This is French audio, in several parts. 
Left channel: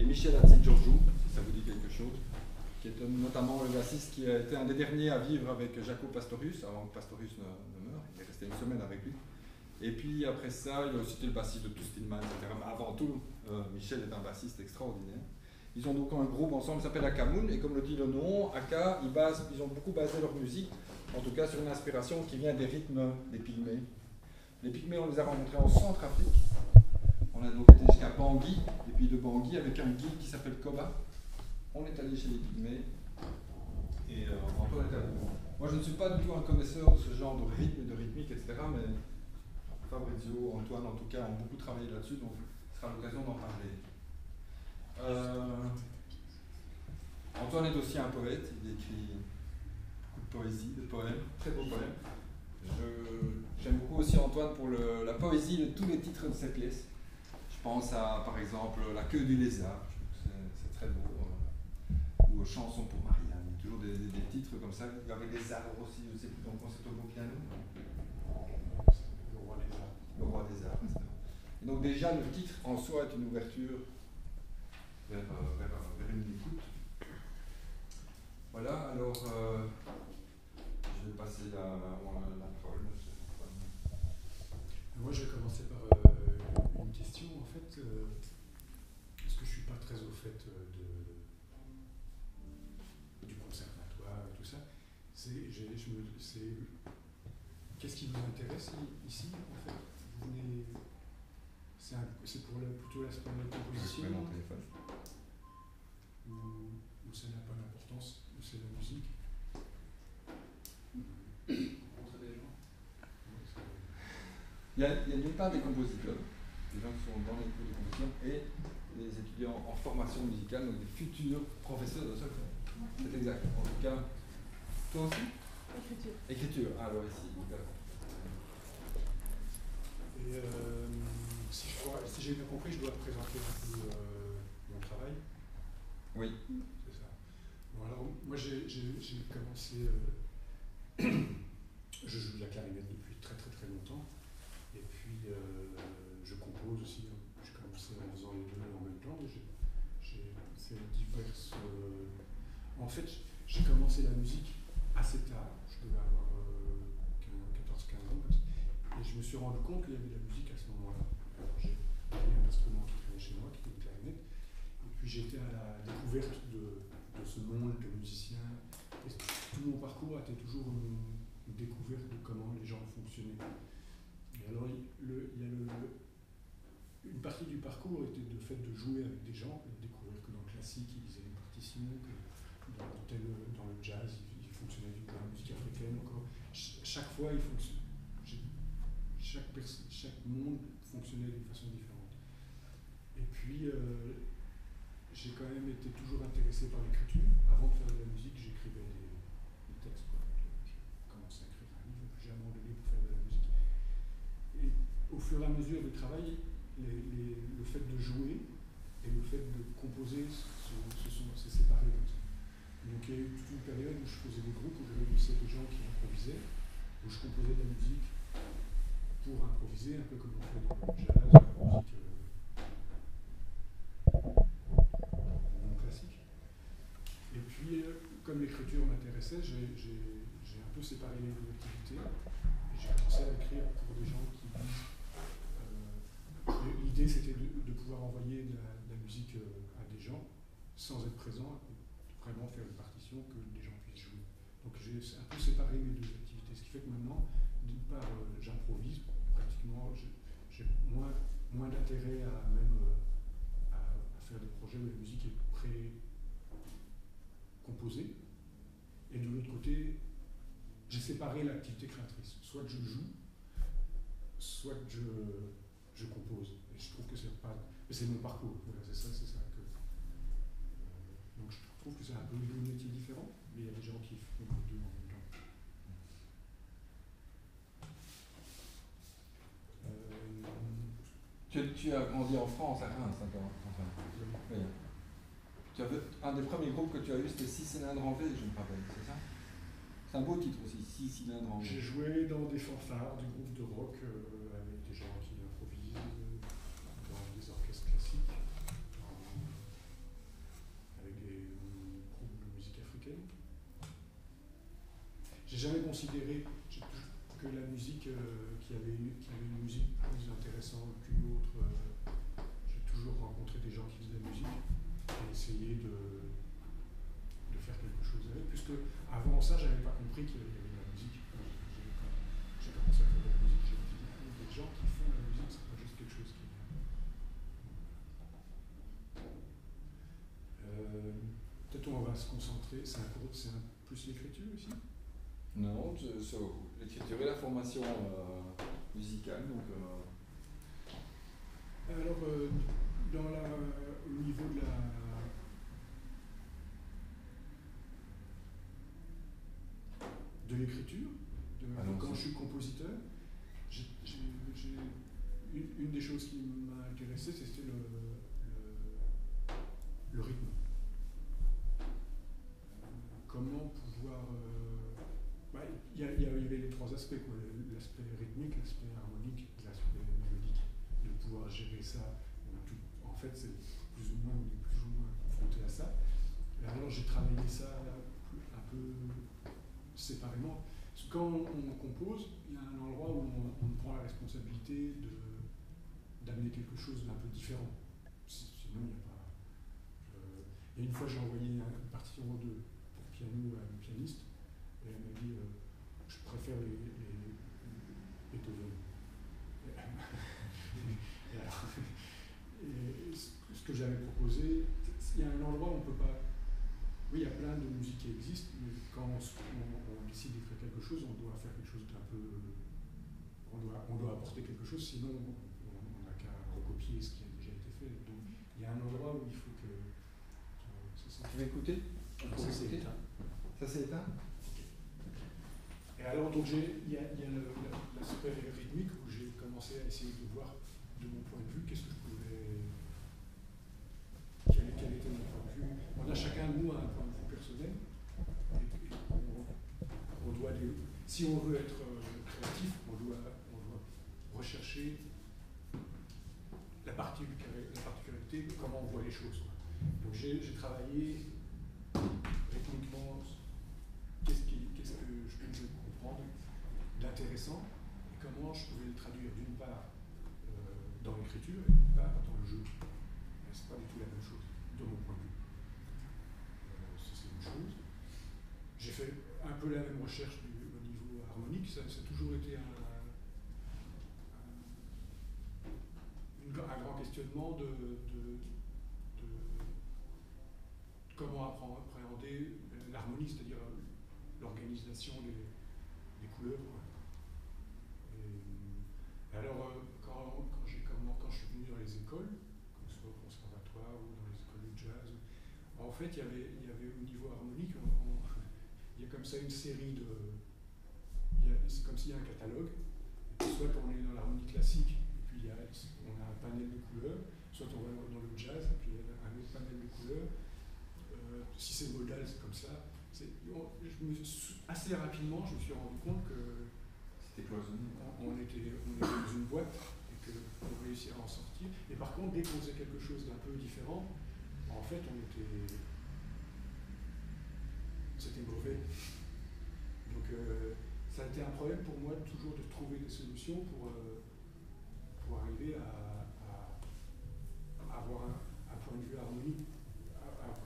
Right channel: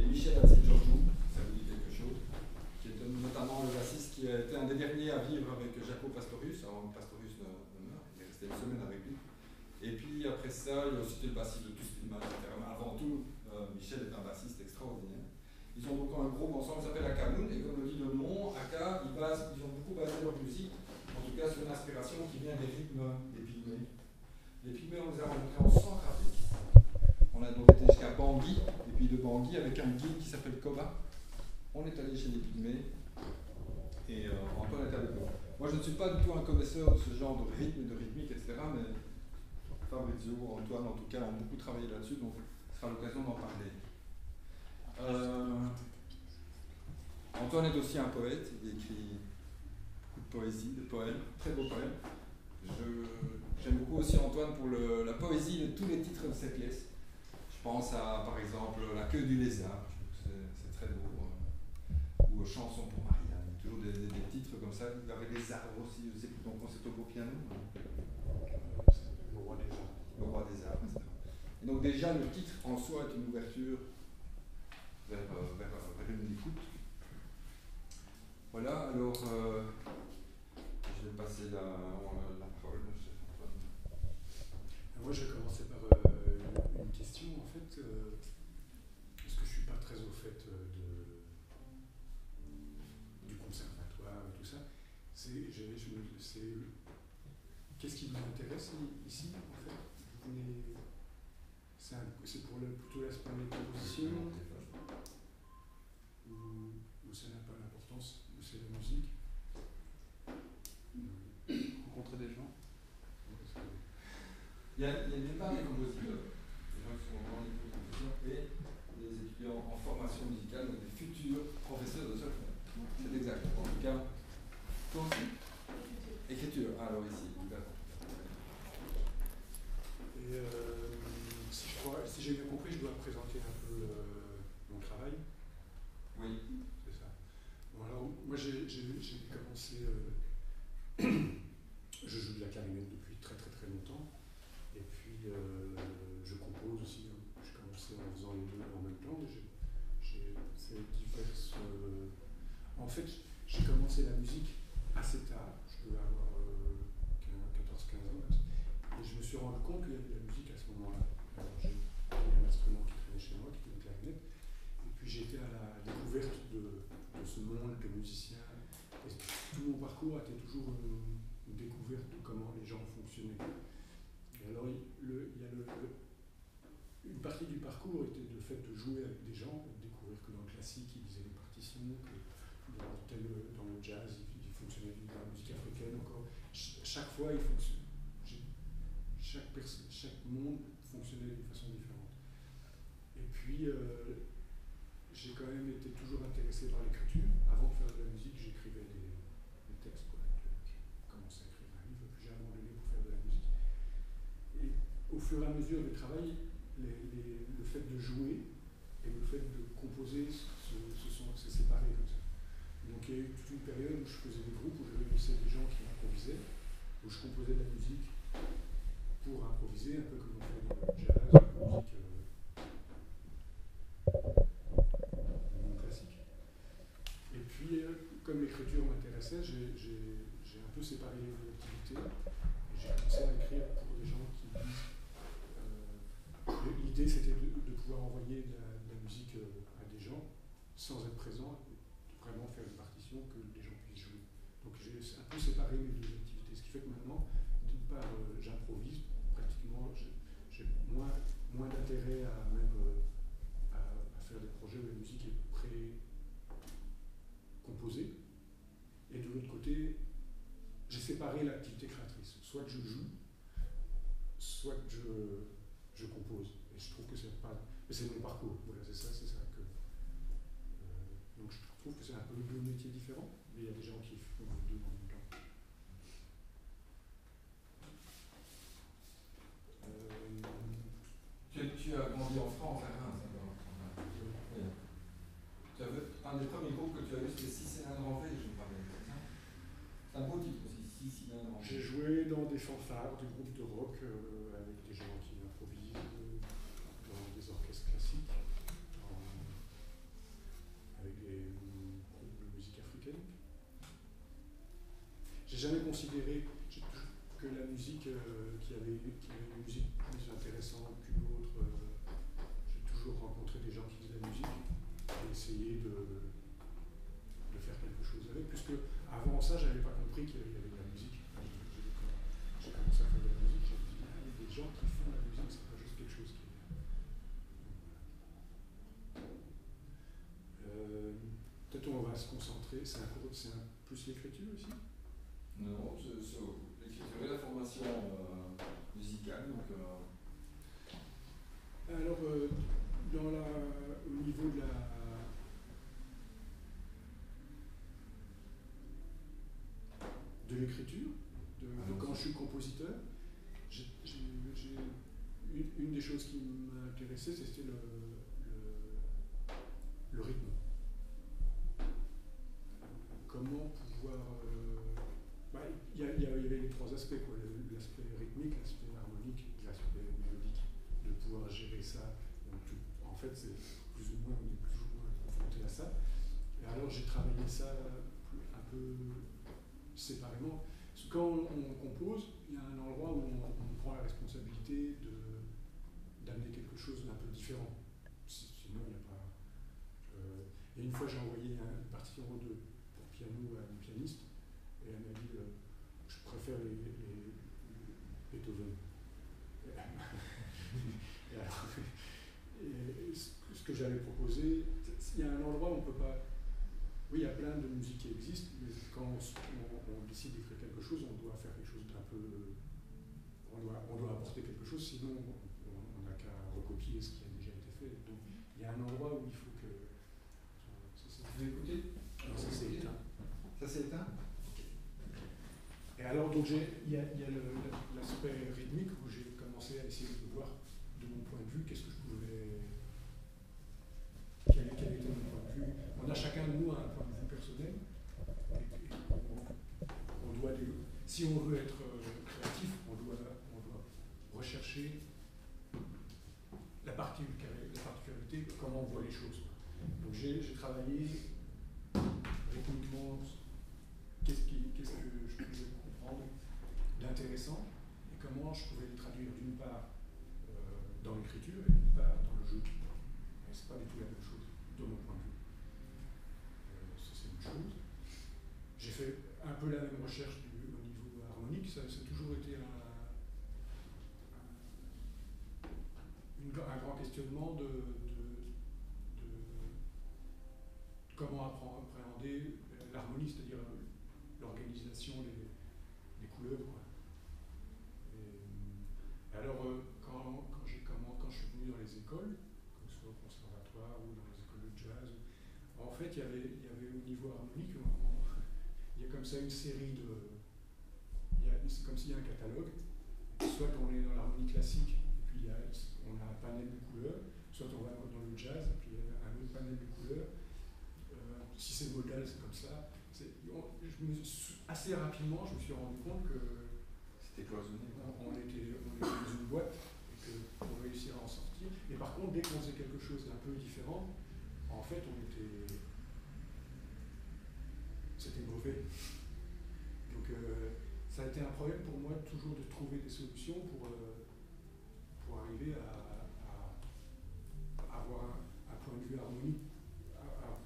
et Michel Hatzigeorgiou, si ça vous dit quelque chose, qui est notamment le bassiste qui a été un des derniers à vivre avec Jaco Pastorius, avant que Pastorius ne meure, il est resté une semaine avec lui. Et puis après ça, il y a aussi le bassiste de Tout Stillman, etc. Mais avant tout, Michel est un bassiste extraordinaire. Ils ont donc un groupe ensemble qui s'appelle Akamoun, et comme le dit le nom, Aka, ils ont beaucoup basé leur musique, en tout cas sur une inspiration qui vient des rythmes des Pygmées. Les Pygmées, on les a rencontrés en Centrafrique. On a donc été jusqu'à Bangui, et puis de Bangui avec un guide qui s'appelle Koba. On est allé chez les Pygmées, et Antoine était avec nous. Moi, je ne suis pas du tout un connaisseur de ce genre de rythme, de rythmique, etc., mais Fabrizio, Antoine, en tout cas, ont beaucoup travaillé là-dessus, donc ce sera l'occasion d'en parler. Antoine est aussi un poète, il écrit beaucoup de poésie, de poèmes, très beaux poèmes. J'aime beaucoup aussi Antoine pour la poésie de tous les titres de ses pièces. Je pense à, par exemple, La queue du lézard, je trouve que c'est très beau, ou Chanson pour Marianne, il y a toujours des titres comme ça, avec les arbres aussi, je sais plus, donc c'est au beau piano. Le roi des arts. Le roi des arts, etc. Et donc déjà, le titre en soi est une ouverture vers une écoute. Voilà, alors je vais passer la parole. Moi, je vais commencer par une question, en fait, parce que je ne suis pas très au fait du conservatoire et tout ça. Qu'est-ce qui vous intéresse ici, en fait? C'est pour plutôt l'aspect de la composition ou ça n'a pas d'importance, ou c'est la musique? Rencontrer des gens. Il y a d'une part des compositeurs, des gens qui sont dans les cours de composition, et des étudiants en formation musicale, donc des futurs professeurs de solfège. C'est exact. En tout cas, toi aussi? Écriture. Écriture, alors ici. Et si j'ai bien compris, je dois présenter un peu mon travail. Oui. C'est ça. Bon, alors, moi, j'ai commencé. Je joue de la clarinette depuis très très très longtemps. Et puis, je compose aussi. J'ai commencé en faisant les deux en même temps. J'ai fait diverses. En fait, j'ai commencé la musique assez tard. Je devais avoir 14-15 ans. Et je me suis rendu compte qu'il y avait de la musique à ce moment-là. Alors, j'ai pris un instrument qui traînait chez moi, qui était une clarinette. Et puis, j'étais à la découverte de ce monde de musiciens. Et tout mon parcours a été toujours une découverte de comment les gens fonctionnaient. Et alors, une partie du parcours était le fait de jouer avec des gens, de découvrir que dans le classique, ils lisaient des partitions, que dans le jazz, ils fonctionnaient dans la musique africaine encore. Chaque fois, chaque monde fonctionnait d'une façon différente. Et puis, j'ai quand même été toujours intéressé par l'écriture. Avant de faire de la musique, j'écrivais des textes. J'ai commencé à écrire un livre, puis j'ai abandonné pour faire de la musique. Et au fur et à mesure du travail, le fait de jouer et le fait de composer c'est séparé comme ça. Donc il y a eu toute une période où je faisais des groupes, où je réunissais des gens qui improvisaient, où je composais de la musique pour improviser, un peu comme on fait dans le jazz, la musique non classique. Et puis, comme l'écriture m'intéressait, j'ai un peu séparé les deux activités et j'ai commencé à écrire pour des gens qui disent. L'idée, c'était de pouvoir envoyer de la musique à des gens sans être présent, et vraiment faire une partition que des gens puissent jouer. Donc j'ai un peu séparé mes deux activités, ce qui fait que maintenant, d'une part, j'improvise pratiquement, j'ai moins d'intérêt à faire des projets où la musique est pré-composée, et de l'autre côté, j'ai séparé l'activité créatrice. Soit je joue, soit je compose. Et je trouve que c'est pas. Mais c'est mon parcours, voilà, c'est ça que. Donc je trouve que c'est un peu deux métiers différents, mais il y a des gens qui font les deux en même temps. Tu as grandi en France, à Reims, d'accord. Oui. Un des premiers groupes que tu as eu, c'était 6 cylindres en V, je me rappelle, c'est ça? C'est un beau titre aussi, 6 cylindres en V. J'ai joué dans des fanfares, des groupes de rock avec des gens qui improvisent, dans des orchestres classiques. jamais considéré que la musique, qu'il y avait une musique plus intéressante qu'une autre. J'ai toujours rencontré des gens qui faisaient de la musique et essayé de faire quelque chose avec, puisque avant ça, je n'avais pas compris qu'il y avait de la musique. Quand j'ai commencé à faire de la musique, j'ai dit, ah, il y a des gens qui font de la musique, c'est pas juste quelque chose qui est bien. Peut-être on va se concentrer, c'est plus l'écriture ici? Non, sur l'écriture et la formation musicale. Donc, alors, au niveau de l'écriture, quand je suis compositeur, une des choses qui m'a intéressé, c'était le rythme. Comment pouvoir... il y avait les trois aspects, quoi, l'aspect rythmique, l'aspect harmonique, l'aspect mélodique, de pouvoir gérer ça. En fait, c'est on est plus ou moins confronté à ça. Et alors j'ai travaillé ça un peu séparément. Quand on compose, il y a un endroit où on prend la responsabilité d'amener quelque chose d'un peu différent. Sinon, il n'y a pas... Et une fois, j'ai envoyé une partition pour piano à une pianiste, et elle m'a dit je préfère les Beethoven. Et ce que j'avais proposé, il y a un endroit où on ne peut pas... Oui, il y a plein de musiques qui existent, mais quand on décide d'écrire quelque chose, on doit faire quelque chose d'un peu... On doit apporter quelque chose, sinon on n'a qu'à recopier ce qui a déjà été fait. Donc il y a un endroit où il faut que... Vous pouvez écouter? Ça s'est éteint. Ça s'est éteint? Et alors, donc, il y a l'aspect rythmique où j'ai commencé à essayer de voir, de mon point de vue, qu'est-ce que je pouvais... Quel était mon point de vue. On a chacun de nous un point de vue personnel. Et on doit si on veut être créatif, on doit rechercher la particularité de comment on voit les choses. Donc j'ai travaillé rythmiquement qu'est-ce que je pouvais comprendre d'intéressant et comment je pouvais le traduire d'une part dans l'écriture et d'une part dans le jeu. Mais c'est pas du tout la même chose, de mon point de vue. Ça c'est une chose. J'ai fait un peu la même recherche au niveau harmonique, ça a toujours été un grand questionnement de comment appréhender l'harmonie, c'est-à-dire l'organisation des couleurs. Quoi. Et alors, quand je suis venu dans les écoles, que ce soit au conservatoire ou dans les écoles de jazz, en fait, il y avait au niveau harmonique, il y a comme ça une série de... C'est comme s'il y a un catalogue, soit on est dans l'harmonie classique, et puis on a un panel de couleurs, soit on va dans le jazz, et puis il y a un autre panel de couleurs. Si c'est modal, c'est comme ça. Assez rapidement, je me suis rendu compte que c'était cloisonné. On était dans une boîte et qu'on réussirait à en sortir. Et par contre, dès qu'on faisait quelque chose d'un peu différent, en fait, c'était mauvais. Donc, ça a été un problème pour moi toujours de trouver des solutions pour arriver à avoir un point de vue harmonique.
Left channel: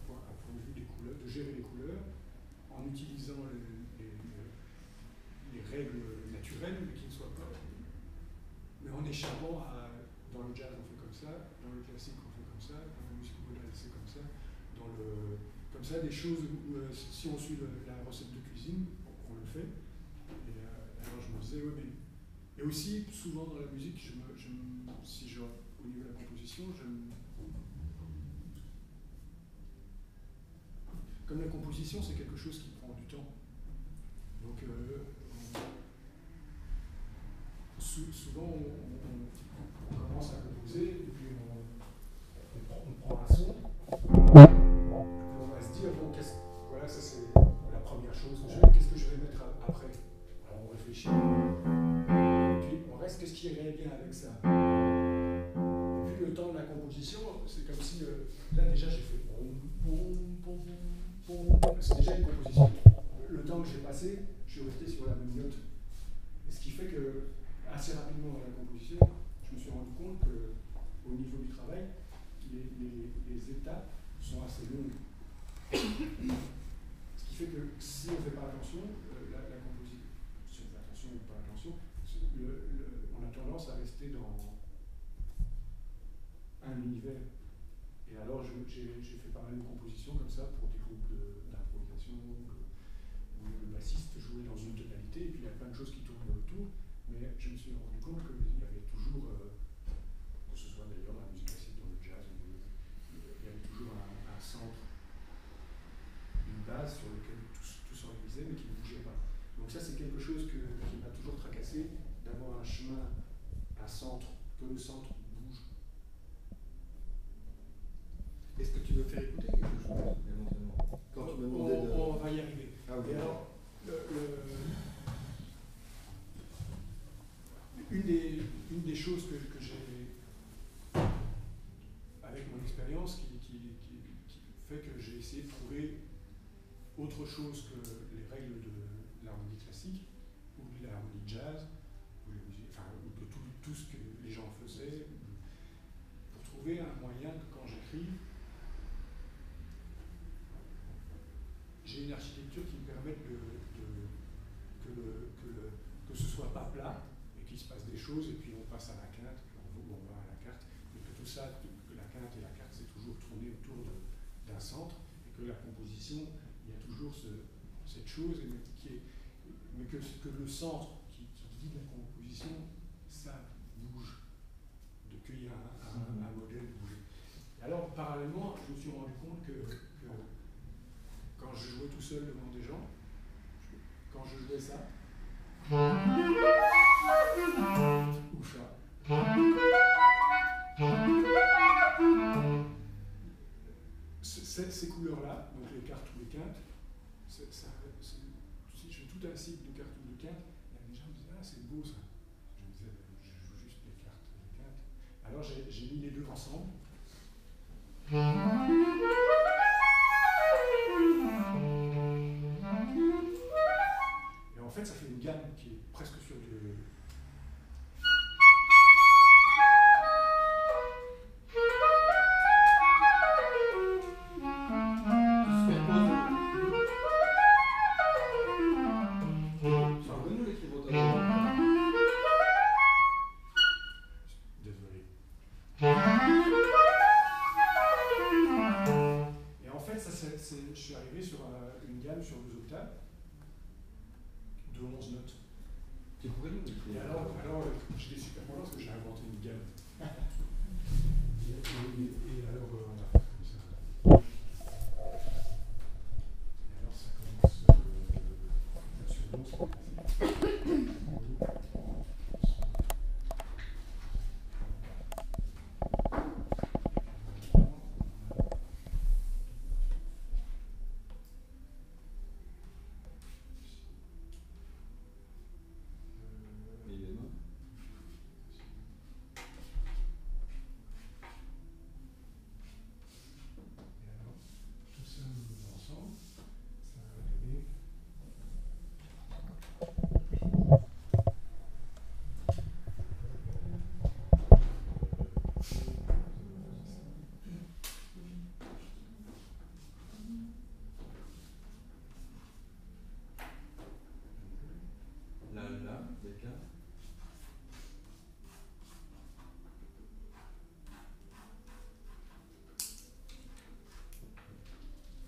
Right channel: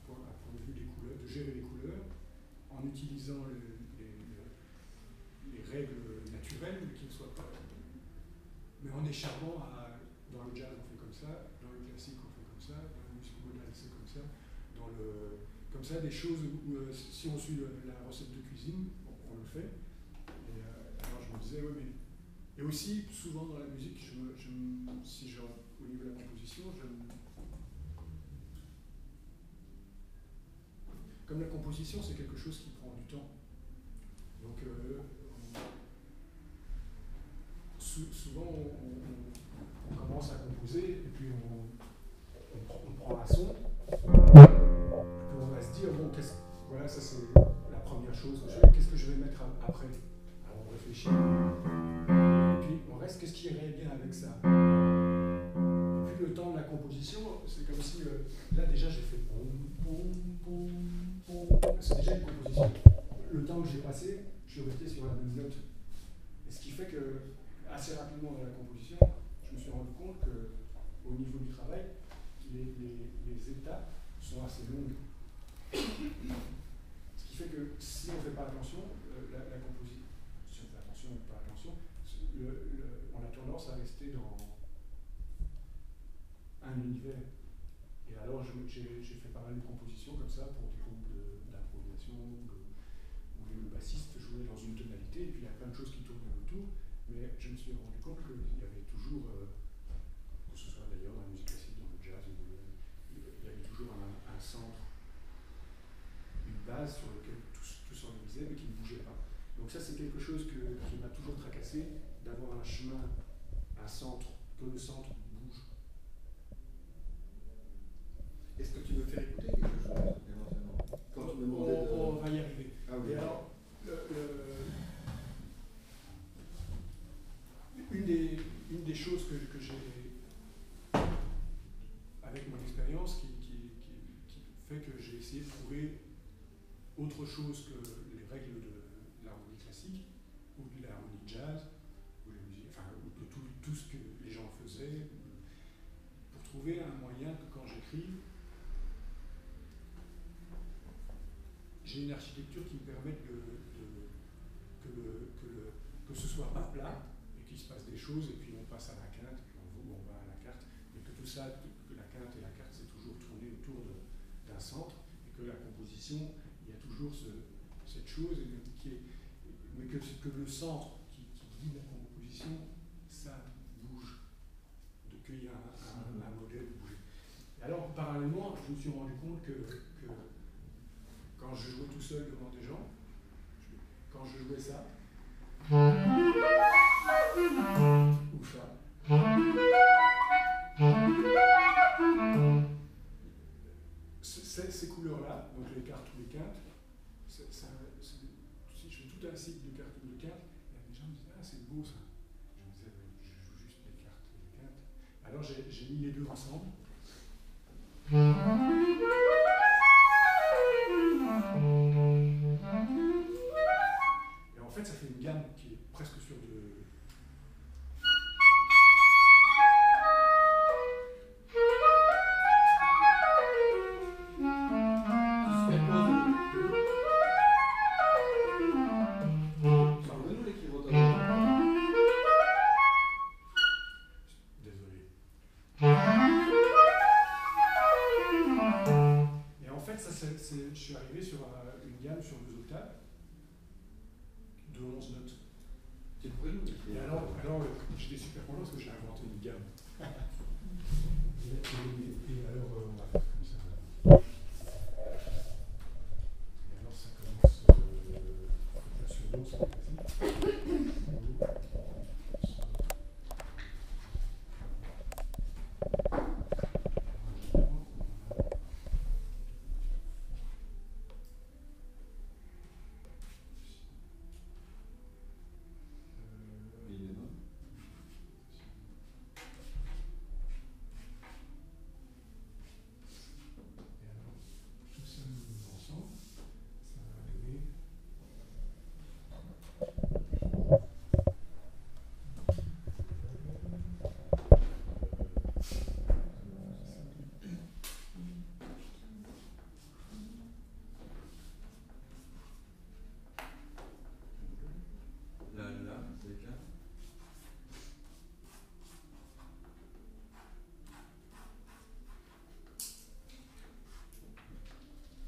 Un point de vue des couleurs, de gérer les couleurs en utilisant les règles naturelles, mais qui ne soient pas. Mais en échappant à. Dans le jazz, on fait comme ça, dans le classique, on fait comme ça, dans la musique modale, c'est comme ça. Comme ça, des choses où, si on suit la recette de cuisine, on le fait. Et alors je me disais, ouais, mais. Et aussi, souvent dans la musique, au niveau de la composition, comme la composition, c'est quelque chose qui prend du temps. Donc, souvent, on commence à composer, et puis on prend un son, et puis on va se dire, bon, voilà, ça c'est la première chose que je fais, qu'est-ce que je vais mettre après? Alors on réfléchit, et puis on reste, qu'est-ce qui irait bien avec ça? Et puis le temps de la composition, c'est comme si, là déjà j'ai fait c'est déjà une composition. Le temps que j'ai passé, je suis resté sur la même note. Et ce qui fait que, assez rapidement dans la composition, je me suis rendu compte qu'au niveau du travail, les étapes sont assez longues. Ce qui fait que si on ne fait pas attention, la composition, si on fait attention ou pas attention, on a tendance à rester dans un univers. Et alors j'ai fait pas mal de compositions comme ça pour des groupes d'improvisation où le bassiste jouait dans une tonalité et puis il y a plein de choses qui tournaient autour, mais je me suis rendu compte qu'il y avait toujours, que ce soit d'ailleurs dans la musique classique, dans le jazz, il y avait toujours un centre, une base sur laquelle tout s'organisait mais qui ne bougeait pas. Donc ça c'est quelque chose qui m'a toujours tracassé, d'avoir un chemin, un centre, que le centre bouge. Est-ce que tu veux faire écouter quelque chose éventuellement? Quand tu me demandais on va y arriver. Ah oui. Et alors, une des choses que j'ai, avec mon expérience, qui fait que j'ai essayé de trouver autre chose que les règles de l'harmonie classique, ou de l'harmonie jazz, ou de tout ce que les gens faisaient, pour trouver un moyen que quand j'écris, j'ai une architecture qui me permette que ce soit pas plat, et qu'il se passe des choses, et puis on passe à la quinte, puis on va à la carte, mais que tout ça, que la quinte et la carte, c'est toujours tourné autour d'un centre, et que la composition, il y a toujours cette chose, mais que le centre qui guide la composition, ça bouge, qu'il y a un modèle bougé. Et alors, parallèlement, je me suis rendu compte que quand je jouais tout seul devant des gens, quand je jouais ça, ou ça, ces couleurs-là, donc les quartes ou les quintes, si je fais tout un cycle de quartes ou de quintes, il y a des gens qui me disent ah c'est beau ça. Je me disais je joue juste les quartes et les quintes. Alors j'ai mis les deux ensemble. Et en fait, ça fait une gamme qui est presque sur de... Désolé. Et en fait, je suis arrivé sur une gamme sur 2 octaves de 11 notes. Tu pourrais nous décrire? Et alors j'étais super content parce que j'ai inventé une gamme. Et alors, on va faire comme ça. Et alors, ça commence sur Do, c'est pas facile.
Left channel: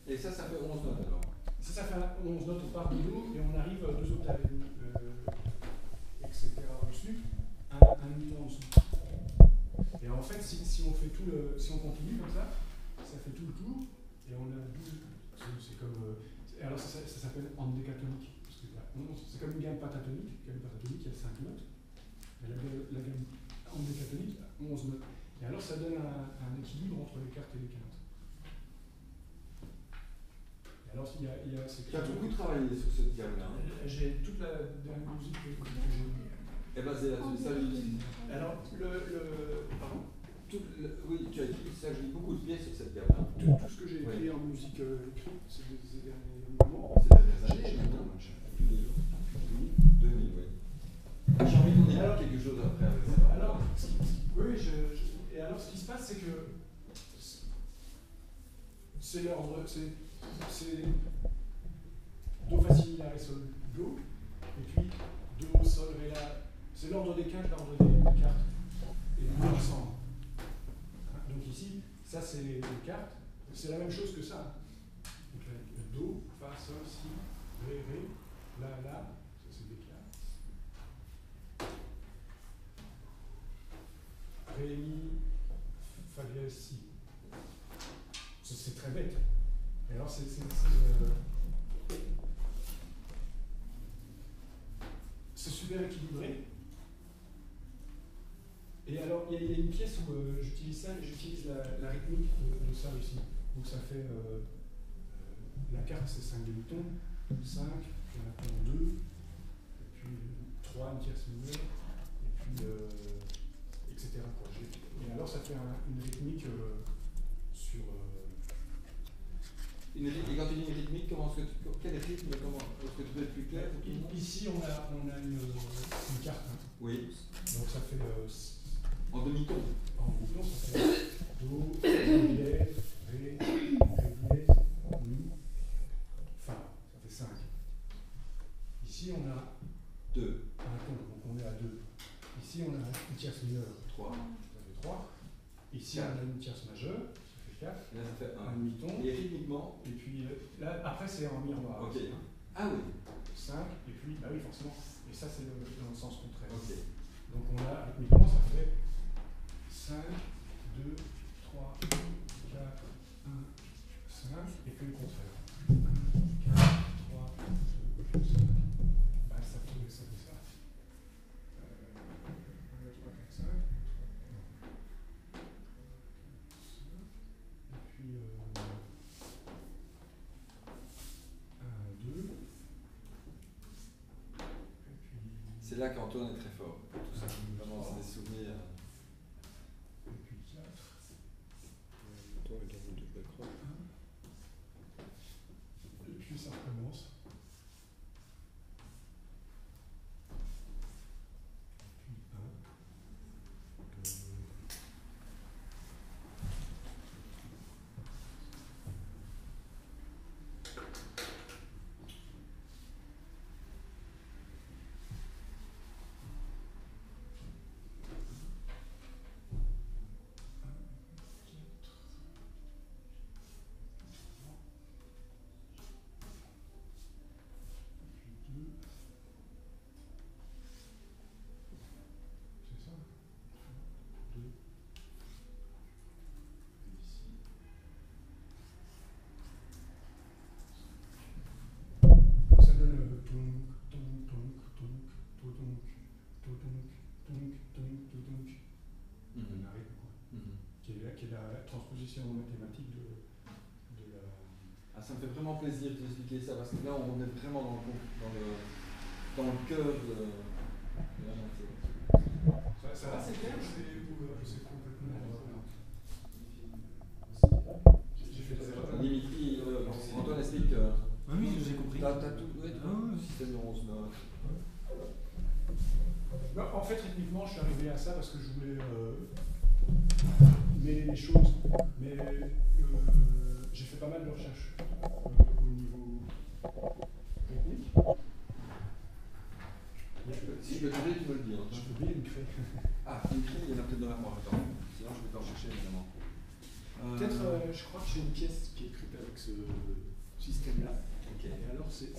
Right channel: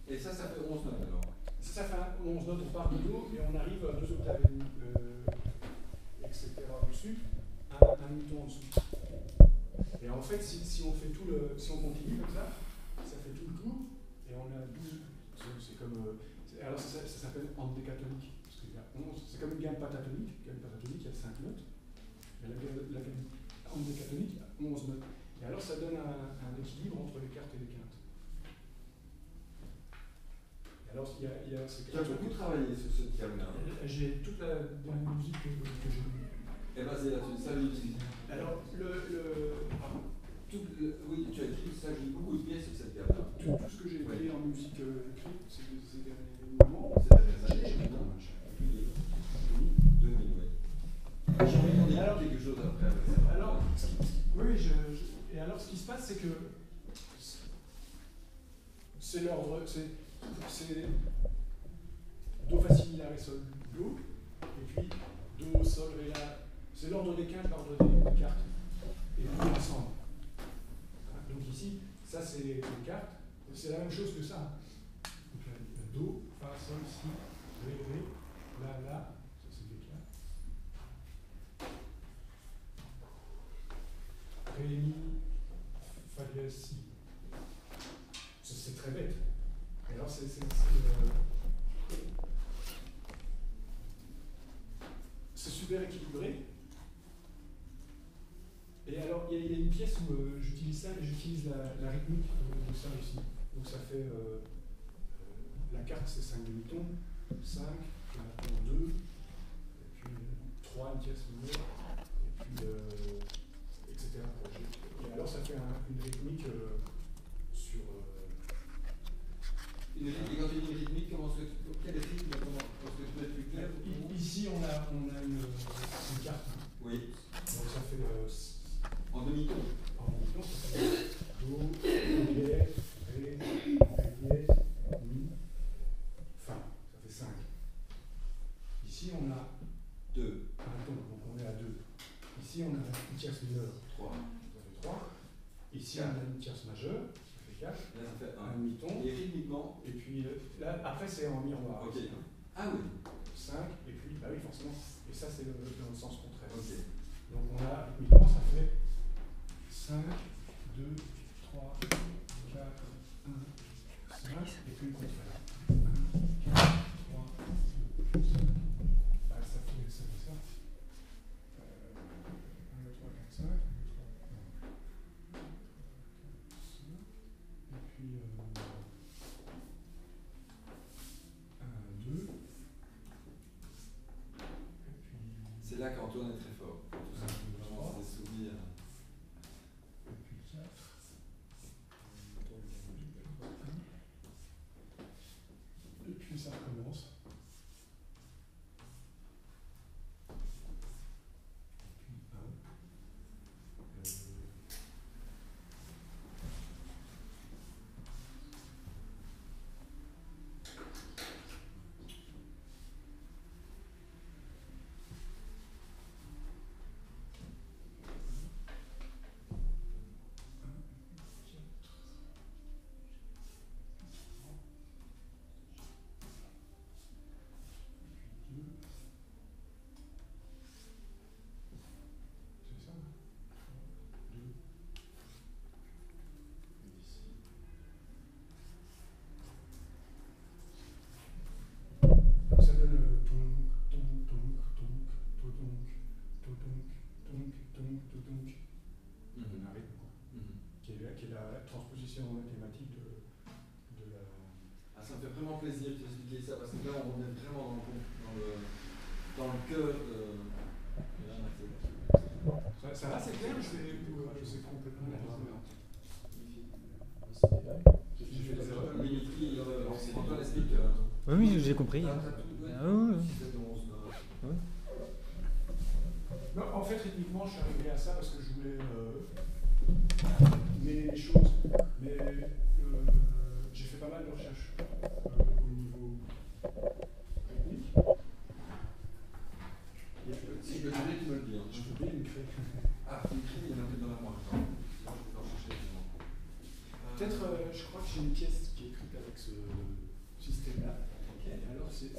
Et ça fait 11 notes alors? Ça fait 11 notes, on part de Do et on arrive 2 octaves et demi, etc. au-dessus, un demi-ton en dessous. Et en fait, si on fait si on continue comme ça fait tout le tour, et on a 12, c'est comme... alors ça s'appelle endécatonique, parce qu'il y a 11, c'est comme une gamme pentatonique, il y a 5 notes, et la gamme endécatonique, il y a 11 notes. Et alors ça donne un équilibre entre les quartes et les quintes. Alors, il y a tu as beaucoup travaillé sur cette gamme-là. J'ai toute la dernière musique que j'ai eue. Et basée là-dessus, ça j'utilise. Alors, pardon oui, tu as écrit, ça joue beaucoup de pièces sur cette gamme-là. Tout ce que j'ai écrit en musique écrite ces derniers moments. Ces dernières années, maintenant. Plus de 2000, oui. J'ai envie qu'on ait quelque chose après avec ça. Alors, et alors ce qui se passe, c'est que c'est l'ordre, c'est Do, Fa, Si, Mi, La, Ré, Sol, Do, et puis Do, Sol, Ré, La. C'est l'ordre des quintes, l'ordre des cartes, et les deux ensemble. Donc ici, ça c'est les cartes, c'est la même chose que ça. Donc, Do, Fa, Sol, Si, Ré, Ré, La, La, ça c'est des cartes. Ré, Mi, Fa dièse, Si. C'est très bête. Et alors c'est super équilibré. Et alors il y a une pièce où j'utilise ça, et j'utilise la rythmique de ça aussi. Donc ça fait la carte c'est 5 demi-tons, 5, puis maintenant 2, et puis 3 une tierce mineure, et puis etc. Et alors ça fait une rythmique sur. Et quand tu dis une rythmique, quel rythme, est-ce que tu peux être plus clair? Ici on a une carte. Oui. Donc ça fait. En demi-ton. En demi-ton, ça fait Do, Ré dièse, Ré dièse, Mi, Fa. Ça fait 5. Ici on a 2. un ton, donc on est à 2. Ici on a une tierce mineure. 3. Ça fait 3. Ici on a une tierce majeure. Ça fait 4. Et là ça fait 1. Un demi-ton. Et rythmiquement. Et puis là, après c'est en miroir. Ok. Ah oui. 5, et puis, bah oui, forcément. Et ça c'est dans le sens contraire. Ok. Donc on a rythmiquement, ça fait 5, 2, 3, 4, 1, 5, et puis le contraire. 1, 4, 3, 2, 5. Bah ça fait ça. 1, 2, 3, 4, 5. Et puis 1, 2. C'est là qu'Antoine est très fort. Tout ça. Vraiment, c'est des souvenirs. Et puis 4. Et puis ça recommence. Et puis 1. Ça donne un rythme, quoi. Qui est la transposition mathématique de la. Ah, ça me fait vraiment plaisir d'expliquer ça parce que là on est vraiment dans le cœur de. Ça va, c'est clair, je sais complètement. J'ai fait des erreurs. Dimitri, Antoine explique. Oui, j'ai compris. T'as tout, oui. Ah oui. Système de 11 notes. Non, en fait, rythmiquement, je suis arrivé à ça parce que je voulais mêler les choses. Mais j'ai fait pas mal de recherches au niveau rythmique. Si je peux t'aider, tu me le dis. Je peux bien écrire. Ah, il y en a peut-être dans la mémoire. Attends. Sinon, je vais t'en chercher évidemment. Peut-être, je crois que j'ai une pièce qui est écrite avec ce système-là. Ok. Et alors, c'est